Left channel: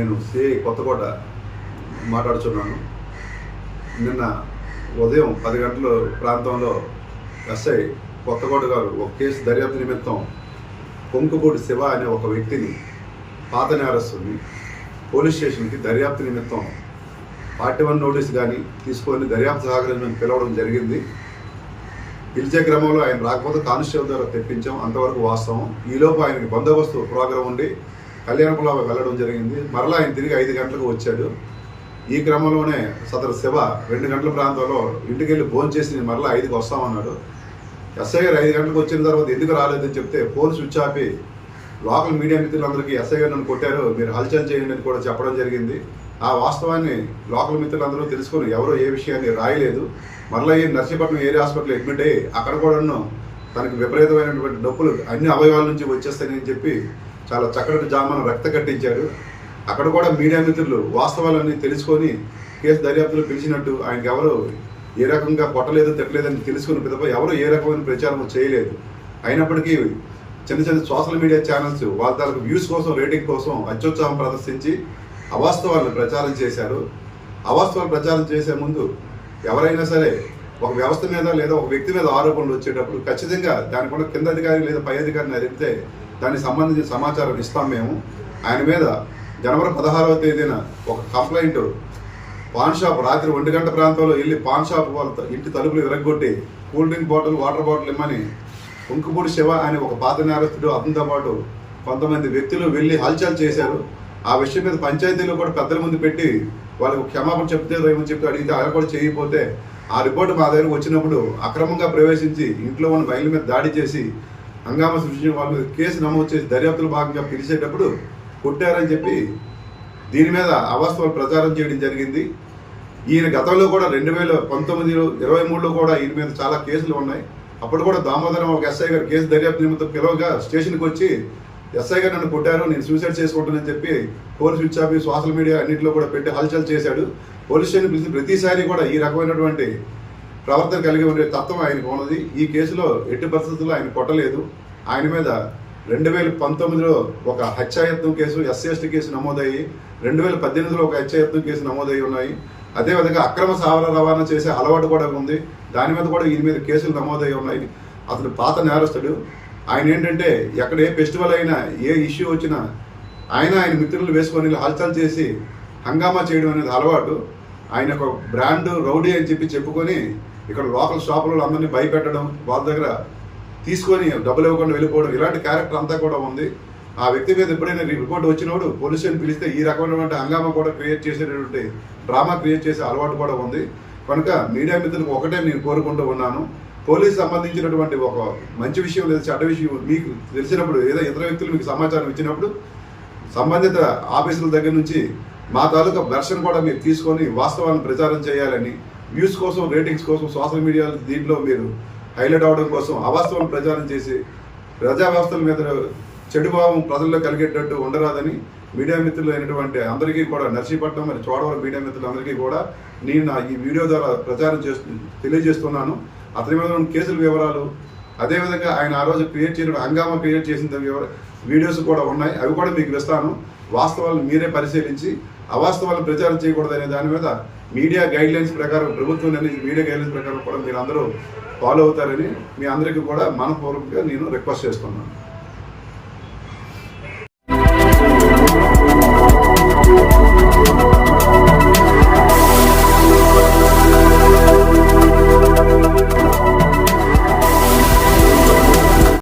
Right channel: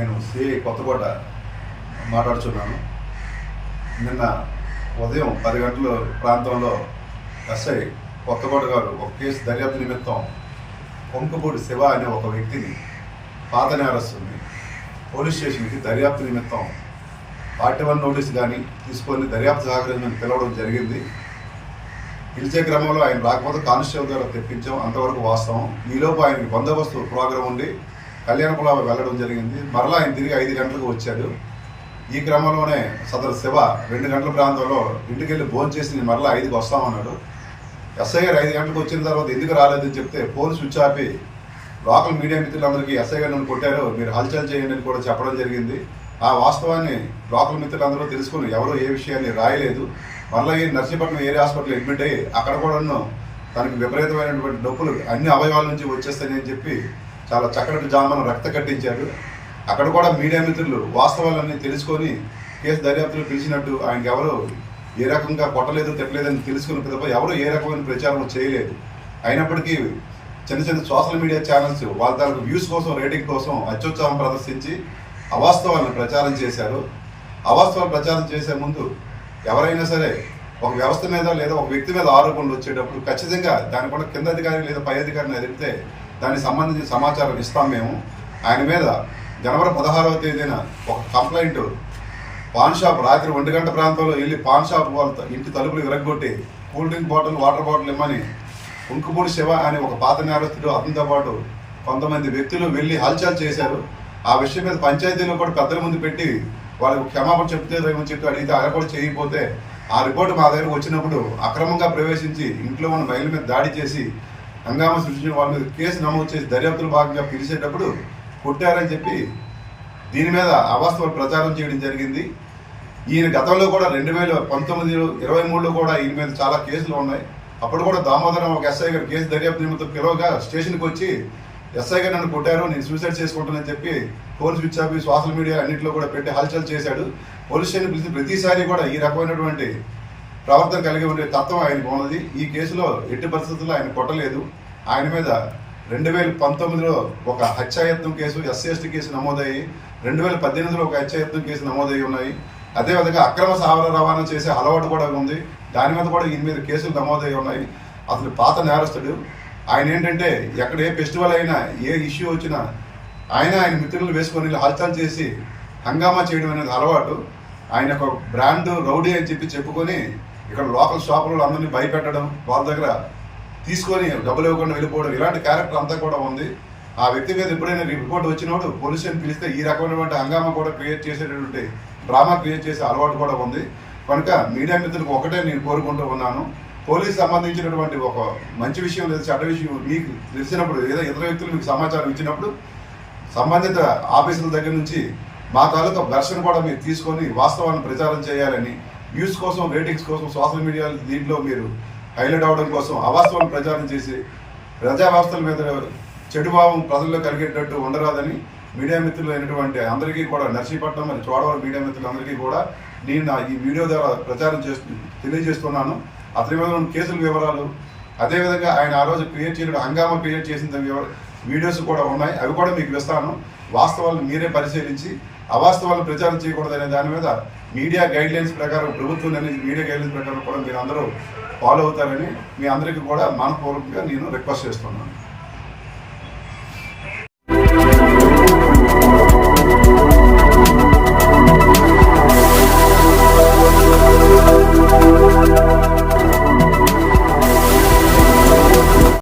నేను సిఐ కొత్తకోట మాట్లాడుతున్నాను. నిన్న ఉదయం 10 గంటల ప్రాంతంలో ఎస్ఐ కొత్తకోట గారు ఒక కేసు దర్యాప్తు నిమిత్తం కొంకుపూడి శివ అనే ఒక వ్యక్తిని, పాత నేరస్తుని పోలీస్ స్టేషన్కి దర్యాప్తు నిమిత్తం 41 నోటీస్ కానీ తీసుకొని దర్యాప్తు సహకరించమని పిలవడం జరిగింది. పిలిచే క్రమంలో ఆయన రాకపోతే కానిస్టేబుల్ ద్వారా తెప్పించాం, అంతవరకు వాస్తవం. ఈలోపు ఆయనకి బందోబస్తు ప్రోగ్రాం ఉండి కళ్యాణపురం వెళ్ళడం జరిగింది. మరలా ఆయన తిరిగి 5 గంటలకు వచ్చాడు. ఈ క్రమంలోనే సదరు శివ 2 గంటల ప్రాంతంలో ఇంటికి వెళ్ళి భోజనం చేసి మరలా 5కి వస్తామన్నాడు. ఎస్ఐ గారు 5 గంటలకు వచ్చిన తర్వాత ఎందుకు రాలేదని చెప్తే ఫోన్ స్విచ్ ఆపి లోకల్ మీడియా మిత్రులందరికీ ఎస్ఐ గారు నన్ను కొట్టారు, మీరు హల్చల్ చేయండి అని కూడా చెప్పడం జరిగింది. ఆ వాస్తవాన్ని లోకల్ మిత్రులందరూ తెలుసుకొని ఎవరో ఏ విషయాన్ని రాయలేదు. మరలా ఈ నర్సీపట్నం ఏరియా హాస్పిటల్ అడ్మిట్ అయ్యి అక్కడ కూడాను తనకి విపరీతమైనటువంటి నొప్పులు అన్ని అవయవాల నుంచి వచ్చేస్తాయని చెప్పి చాలా చక్కటి జామను రక్త కట్టించారు. అక్కడ కూడా మీడియా మిత్రులు వాస్తవాలన్నీ తెలుసుకొని కేసు దర్యాప్తులో పిలిచినట్టు ఆయనకి ఎవరు ఏ రకంగా కొట్టలేదు తిట్టలేదని తెలుసుకున్న పిదప ఎవరు ఏ రకమైన ప్రచారం చేయలేదు. అయినప్పటికీ చిన్న చిన్న సోషల్ మీడియా ఛానల్స్ వాళ్ళ తరకు వ్యూస్ కోసం, రేటింగ్ కోసం అత్యుత్సాహం ప్రదర్శించి అవాస్తవాలను ప్రచారం చేశారు. అవాస్తవాలు ప్రచారం చేసే ముందు ఎవరైనా సరే ఒక వ్యవస్థ మీద లేదా ఒక వ్యక్తి మీద ఆరోపణలు వచ్చేటప్పుడు ఖచ్చితంగా దానికున్న కింద అధికారి లేదా పై అధికారిని అడిగితే దానికి సంబంధించిన సమాచారం ఇస్తాం మేము. ఆయన మీద జనవరి 16వ తేదీన ఒక కంప్లైంట్ పాన్ షాప్ రాత్రి 1 గంట ప్రాంతంలో వెళ్ళి పాన్ షాప్ వాళ్ళ ఇంటి తలుపులు విరగొట్టి cool drink bottle, water bottle ఇమ్మని కొంకుపూడి శివ అనే ఒక పాత నేరస్తుడు అతనితో పాటు కొంతమంది వ్యక్తులు వెళ్ళి హల్చల్ చేశారు. ఆ విషయం మీద పంచాయతీలో కూడా పెద్దల ముందు పెట్టి వాళ్ళకి క్షమాపణ చెప్తే ఏమని చెప్పి అడిగితే అలా కూడా చేయకపోతే ఆ రిపోర్టు మా దగ్గరకు వచ్చినప్పుడు అక్రమంగా ప్రవేశించి ఇంట్లో ఉన్న మహిళల మీద దాడి చేసి హంగామా సృష్టించిన వాళ్ళ మీద కేసు నమోదు చేసి దర్యాప్తులో భాగంగా పిలిచేటప్పుడు కొట్టారని చెప్పి దీని మీద అవాస్తవాలు ప్రచారం చేయడం జరిగింది. ఈయన గతంలో కూడా 2019, 23లో కూడా ఈయన మీద చాలా కేసులు ఉన్నాయి. అప్పుడు కూడా దామోదరం ఒక ఎస్ఐ గారు కేసు దర్యాప్తు నిమిత్తం పిలవగా స్టేషన్కి వచ్చి ఎస్ఐ గారు నన్ను కొట్టారు, నేను సూసైడ్ చేసుకుంటానని చెప్పి phone switch off social media అన్నింటిలో కూడా పెట్టి హల్చల్ చేశాడు. పోలీస్ స్టేషన్ పిలిచి ప్రతిసారి కూడా ఈ రకమైనటువంటి ప్రవర్తన కలిగి ఉండే తత్వం ఆయనకు ఉన్నది. ఈ కేసులో ఎట్టి పరిస్థితుల్లో ఆయన కొట్టలేదు. ఆయన మీద 2019లో ఒక హత్యాయత్నం కేసు, SC/ST కేసు నమోదయ్యి 2018లో ఒక హత్యాయత్నం కేసు నమోదయ్యి ఉన్నాయి. అదేవిధంగా అక్రమ సావర రవాణా చేసే అలవాటు కూడా ఉంది. దాని మీద కూడా ఈయన మీద కేసులు నమోదయ్యి ఉన్నాయి. అతను పాత నేరస్తుడు. ఆయన ఏంటంటే ఎక్కడ ఏ ఫెస్టివల్ అయినా, ఏ ఇష్యూ వచ్చినా ఆయన మిత్రులు వేసుకొని హల్చల్ చేసి హంగామా చేయడం అనేది అలవాటు. ఆయన ఒక బ్రాండ్ రౌడీ అని చెప్పుకొని ఇక్కడ లోకల్ షాపులలో అందరినీ భయపెట్టడం, వాళ్ళ దగ్గర తీసుకొని డబ్బులు ఇవ్వకుండా వెళ్ళిపోవడం, ఇలాంటి క్యారెక్టర్ అంతా కూడా ఉంది. ఆ వ్యక్తి మీద ఎప్పుడైనా రిపోర్ట్ వచ్చినప్పుడు పోలీస్ స్టేషన్ పిలిస్తే ఈ రకమైనటువంటి హంగామా కూడా క్రియేట్ చేసేటటువంటి డ్రామా క్రియేట్ చేసే అలవాటు కూడా ఉంది. కనుక మీడియా మిత్రులకు ఒకటే నేను కోరుకుంటూ ఉన్నాను, పోలీసు సంబంధించినటువంటి ఒక మంచి విషయం లేదా చెడ్డ విషయం మీకు తెలిసినప్పుడు ఏదో ఇతర వ్యక్తులు మీకు సమాచారం ఇచ్చినప్పుడు సంబంధిత ఆఫీసుల దగ్గర నుంచి మా తాలూకా వెర్షన్ కూడా మీరు తీసుకొని వాస్తవాన్ని ప్రచారం చేయాలని, వ్యూస్ కోసం, రేటింగ్స్ కోసం సోషల్ మీడియా దీంట్లో మీరు హైలైట్ అవడం కోసం అవాస్తవాన్ని ప్రచారం చేసి ప్రజా వ్యవస్థల మీద చెడు భావం ప్రజల్లో కలిగేటట్టు ఉండరాదని మీడియా మిత్రులు అయినటువంటి అందరికీ కూడా, నర్సీపట్నం మరి చోడవరం మీడియా మిత్రులందరికీ కూడా నేను ఈ వీడియో ద్వారా ప్రచారం తెలియజేస్తున్నాను. అతని మీద ఉన్న కేసుల వివరాలు, అదేవిధంగా ఆయన ఆ రోజు క్రియేట్ చేయడం హంగామా క్రియేట్ చేసిన వీడియోస్ కూడా ఉన్నాయి. అవి కూడా మీకు ఇస్తాను. వాస్తవాలను మీరే పరిశీలించి అవాస్తవాలను ప్రచారం చేయకూడదనే దాని మీద మీడియా గైడ్లైన్స్ ప్రకారం, ప్రభుత్వం మీడియా గైడ్లైన్స్ ప్రకారం కూడా మీరు అందరూ ఫాలో అవుతారని మీ అందరికీ కూడా మనపూర్వకంగా నేను రిక్వెస్ట్ చేస్తున్నాను.